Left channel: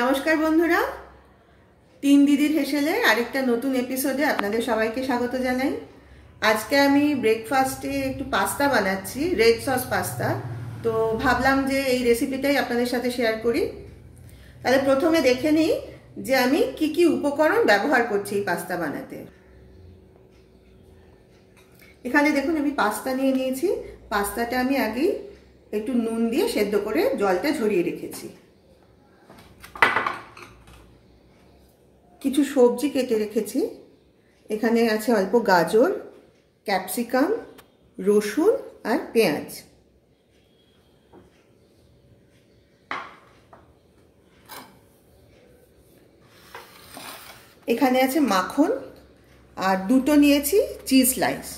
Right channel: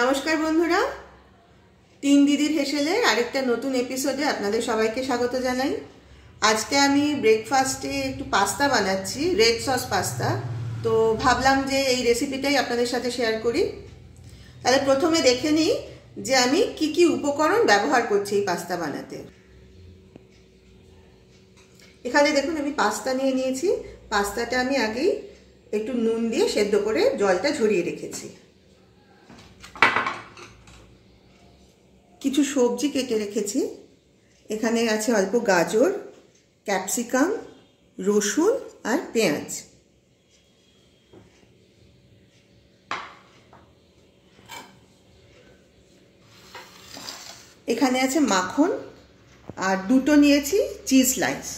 নমস্কার বন্ধুরা, তিন দিদির হেসেলের আরেকটা নতুন এপিসোডে আপনাদের সবাইকে স্বাগত জানাই। আজকে আমি ব্রেকফাস্টে একটু পাস্তা বানাচ্ছি, রেড সস পাস্তা। তো ভাবলাম যে এই রেসিপিটাই আপনাদের সাথে শেয়ার করি। তাহলে প্রথমে দেখে নিই যে আমি কি কি উপকরণ ব্যবহার করছি এই পাস্তা বানাতে। এখানে দেখুন আমি পাস্তা নিয়ে নিয়েছি। পাস্তাটা আমি আগেই একটু নুন দিয়ে সেদ্ধ করে জলটা ঝরিয়ে রেখেছি। কিছু সবজি কেটে রেখেছি। এখানে আছে অল্প গাজর, ক্যাপসিকাম, রসুন আর পেঁয়াজ। এখানে আছে মাখন আর দুটো নিয়েছি চিজ স্লাইস।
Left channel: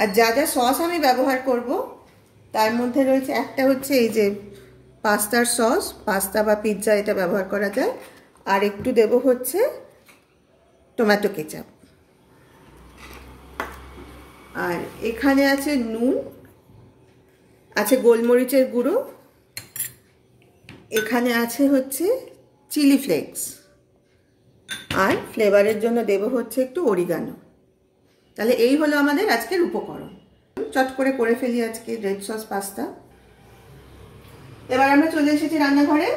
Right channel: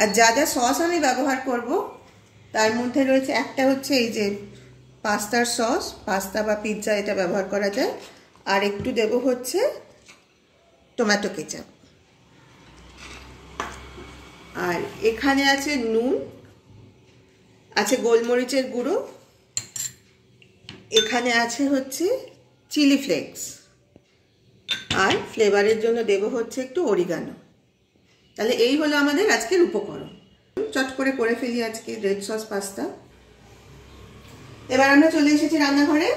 আর যা যা সস আমি ব্যবহার করব তার মধ্যে রয়েছে, একটা হচ্ছে এই যে পাস্তার সস, পাস্তা বা পিৎজা এটা ব্যবহার করা যায়। আর একটু দেব হচ্ছে টমেটো কেচাপ। আর এখানে আছে নুন, আছে গোলমরিচের গুঁড়ো, এখানে আছে হচ্ছে চিলি ফ্লেক্স, আর ফ্লেভারের জন্য দেব হচ্ছে একটু অরিগানো। তাহলে এই হলো আমাদের আজকের উপকরণ। চট করে ফেলি আজকে রেড সস পাস্তা। এবার আমরা চলে এসেছি রান্নাঘরে।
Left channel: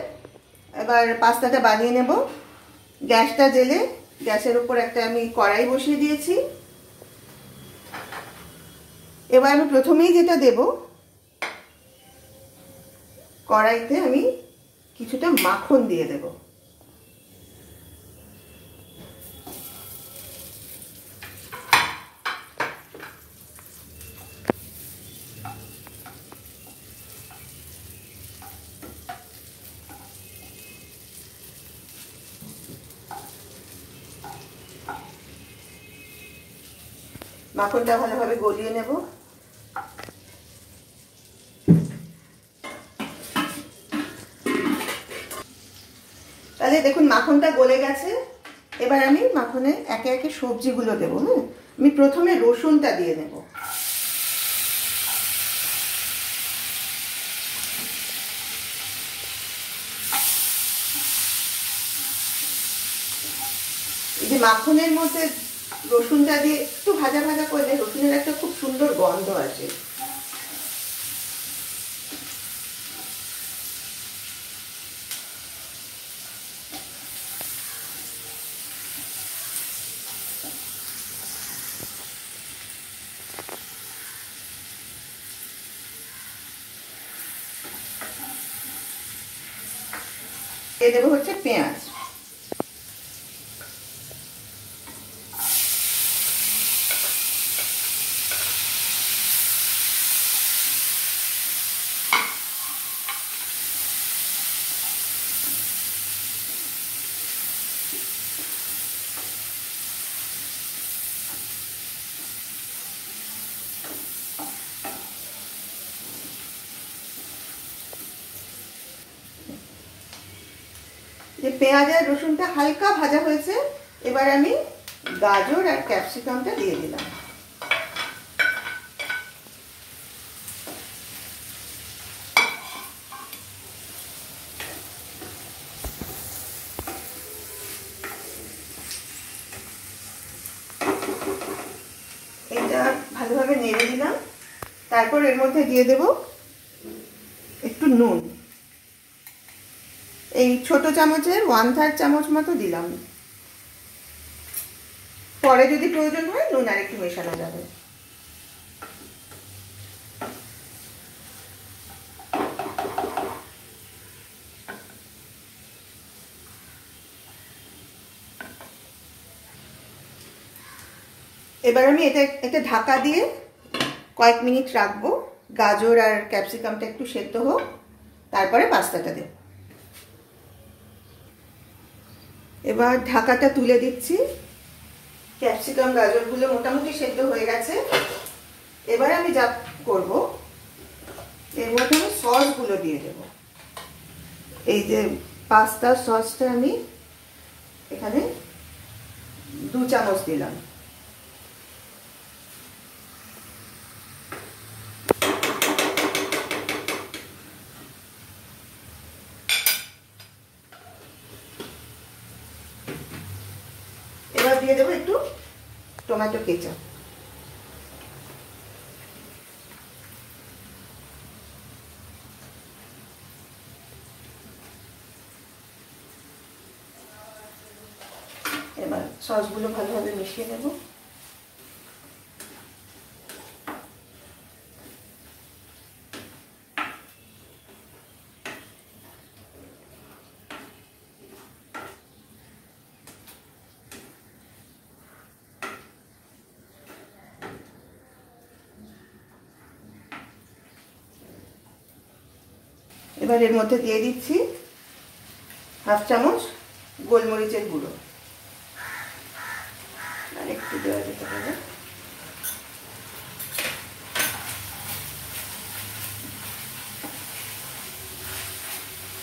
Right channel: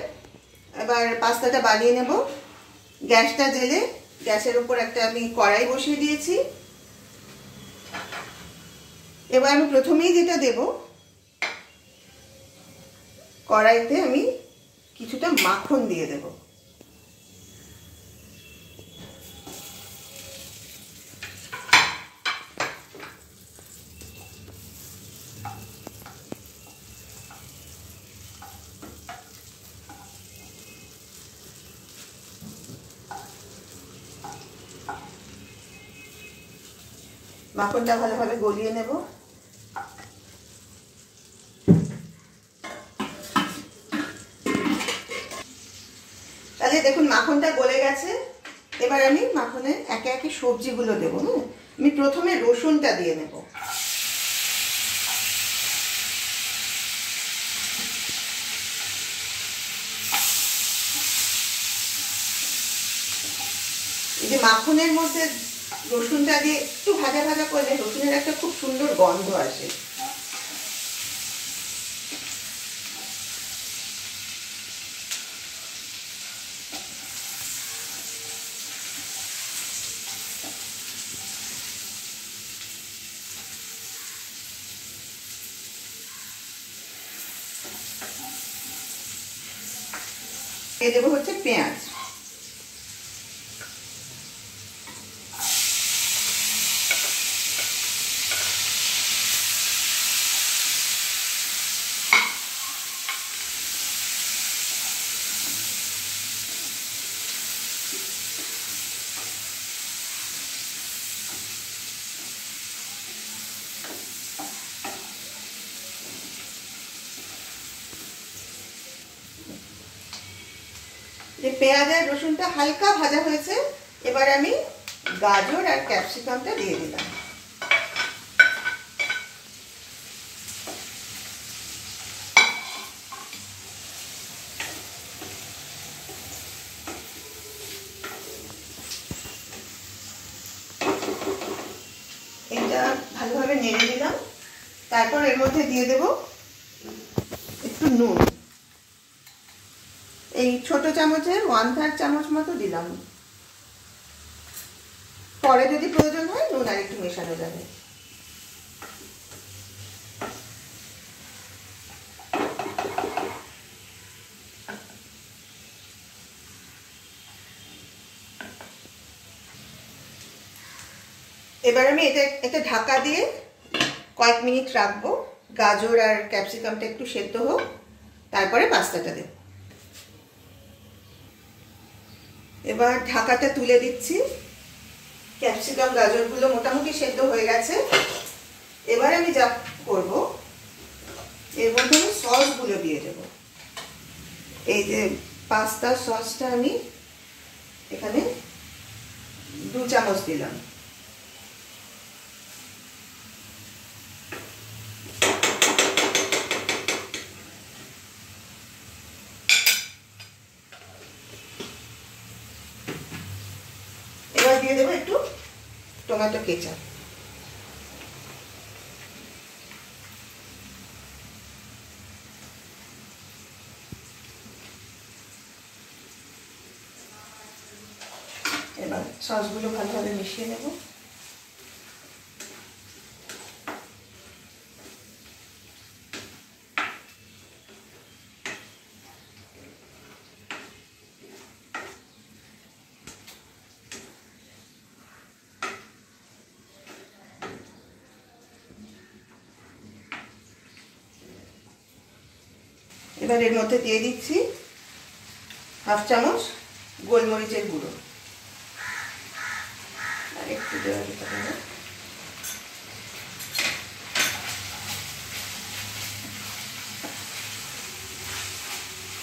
এবার পাস্তাটা বানিয়ে নেব। গ্যাসটা জেলে গ্যাসের উপর একটা আমি কড়াই বসিয়ে দিয়েছি। এবার আমি প্রথমেই যেটা দেব, কড়াইতে আমি কিছুটা মাখন দিয়ে দেব। মাখনটা ভালোভাবে গলিয়ে নেব। তাহলে দেখুন মাখনটা গলে গেছে। এবার আমি মাখনে একে একে সবজিগুলো দেবো। আমি প্রথমে রসুনটা দিয়ে নেব। এই যে মাখনের মধ্যে রসুনটা দিয়ে একটু ভাজা ভাজা করলে রসুনের একটা খুব সুন্দর গন্ধ আসে। দিয়ে দেবো হচ্ছে পেঁয়াজ। যে পেঁয়াজ আর রসুনটা হালকা ভাজা হয়েছে, এবার আমি গাজর আর ক্যাপসিকামটা দিয়ে দিলাম। এটা ভালোভাবে নেড়ে দিলাম। তারপর এর মধ্যে দিয়ে দেব একটু নুন। এই ছোট চামচের 1/3 চামচ মতো দিলাম। পরে যদি প্রয়োজন হয় নুন আর একটু মেশানো যাবে। এবার আমি এটা ঢাকা দিয়ে কয়েক মিনিট রাখবো। গাজর আর ক্যাপসিকামটা একটু সেদ্ধ হোক, তারপরে পাস্তাটা দেব। এবার ঢাকাটা তুলে দিচ্ছি। ক্যাপসিকাম গাজরগুলো মোটামুটি সেদ্ধ হয়ে গেছে। এবার আমি যা করব, এর মধ্যে সসগুলো দিয়ে দেব। এই যে পাস্তার সসটা আমি এখানে 2 চামচ দিলাম। দিয়ে দেবো একটু টমেটো কেচাপ। এবার সসগুলো ভালোভাবে মিশিয়ে নেব। এবার এর মধ্যে দিয়ে দিচ্ছি হাফ চামচ গোলমরিচের গুঁড়ো, আর একটু দেওয়া যেতে পারে।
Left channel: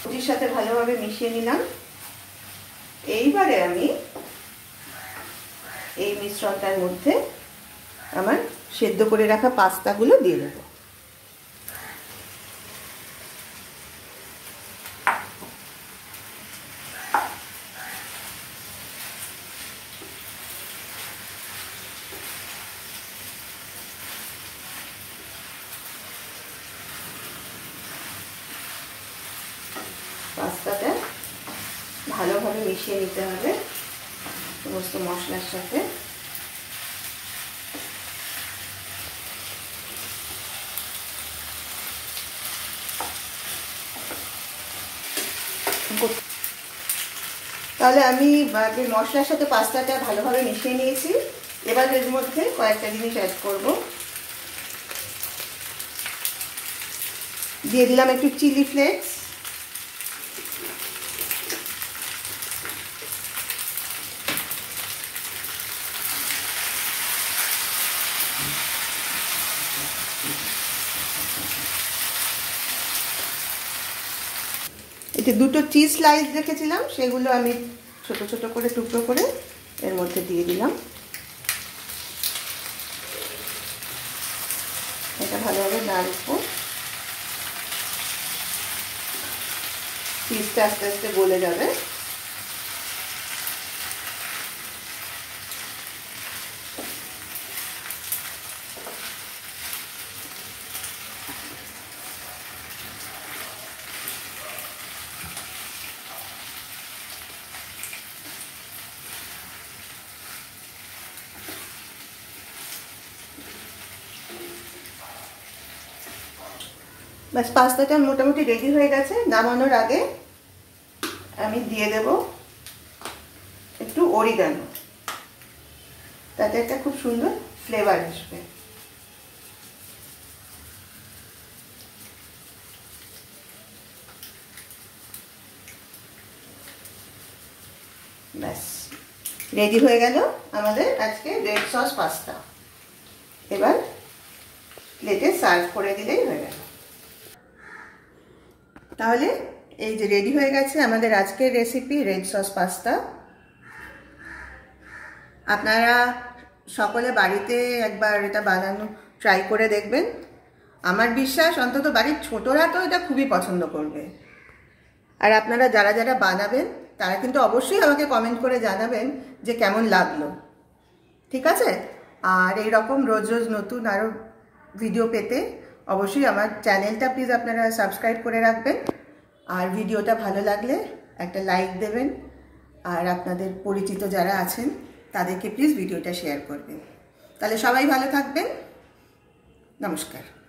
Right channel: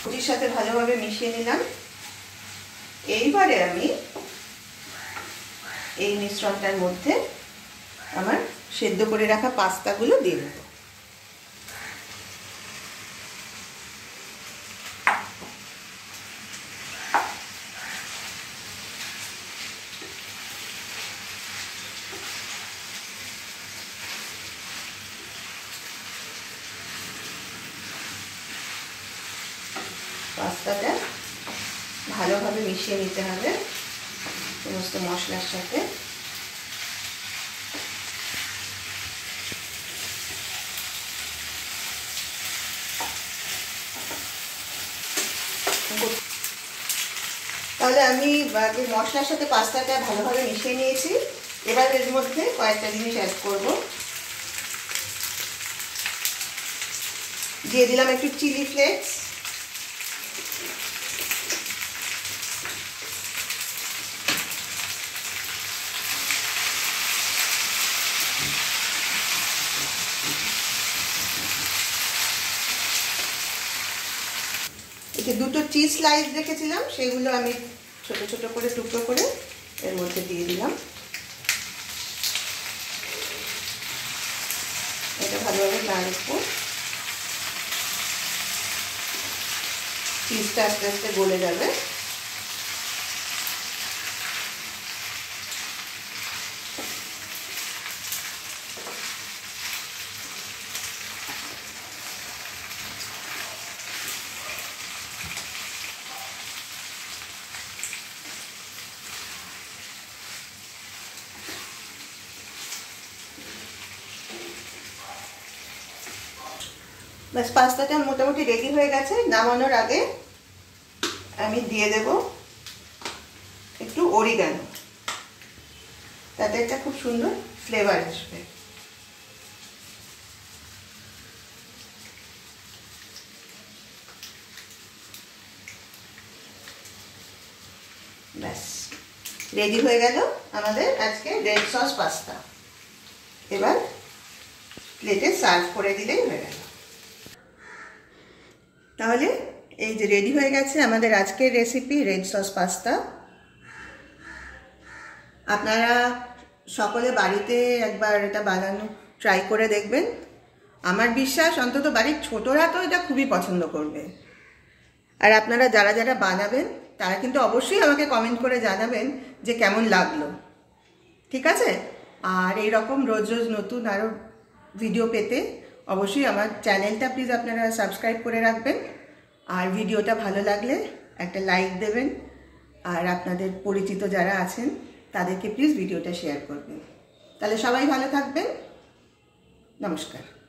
সবজির সাথে ভালোভাবে মিশিয়ে নিলাম। এইবারে আমি এই মিশ্রণটার মধ্যে আমার সেদ্ধ করে রাখা পাস্তাগুলো দিয়ে দেবো। পাস্তাটা ভালোভাবে মিশিয়ে নিতে হবে সমস্ত মশলার সাথে। তাহলে আমি মশলার সাথে পাস্তাটা ভালোভাবে মিশিয়ে নিয়েছি। এবার এর মধ্যে কয়েকটা জিনিস অ্যাড করব। দিয়ে দিলাম একটু চিলি ফ্লেক্স, এতে দুটো চিজ স্লাইস রেখেছিলাম, সেগুলো আমি ছোট ছোট করে টুকরো করে এর মধ্যে দিয়ে দিলাম। এটা ভালোভাবে নাড়বো। চিজটা আস্তে আস্তে গলে যাবে। বাস পাস্তাটা মোটামুটি রেডি হয়ে গেছে। নামানোর আগে আমি দিয়ে দেব একটু অরিগানো, তাতে একটা খুব সুন্দর ফ্লেভার আসবে। ব্যাস রেডি হয়ে গেল আমাদের আজকে রেড সস পাস্তা। এবার প্লেটে সার্ভ করে দিলেই হয়ে গেল। তাহলে এই যে রেডি হয়ে গেছে আমাদের আজকের রেসিপি রেড সস পাস্তা। আপনারা সকলে বাড়িতে একবার এটা বানানো ট্রাই করে দেখবেন। আমার বিশ্বাস অন্তত বাড়ির ছোটরা তো এটা খুবই পছন্দ করবে। আর আপনারা যারা যারা বানাবেন তারা কিন্তু অবশ্যই আমাকে কমেন্ট করে জানাবেন যে কেমন লাগলো। ঠিক আছে? আর এই রকম রোজ রোজ নতুন আরও ভিডিও পেতে অবশ্যই আমার চ্যানেলটা প্লিজ আপনারা সাবস্ক্রাইব করে রাখবেন। আর ভিডিওটা ভালো লাগলে একটা লাইক দেবেন। আর আপনাদের পরিচিত যারা আছেন তাদেরকে প্লিজ ভিডিওটা শেয়ার করবেন। তাহলে সবাই ভালো থাকবেন। নমস্কার।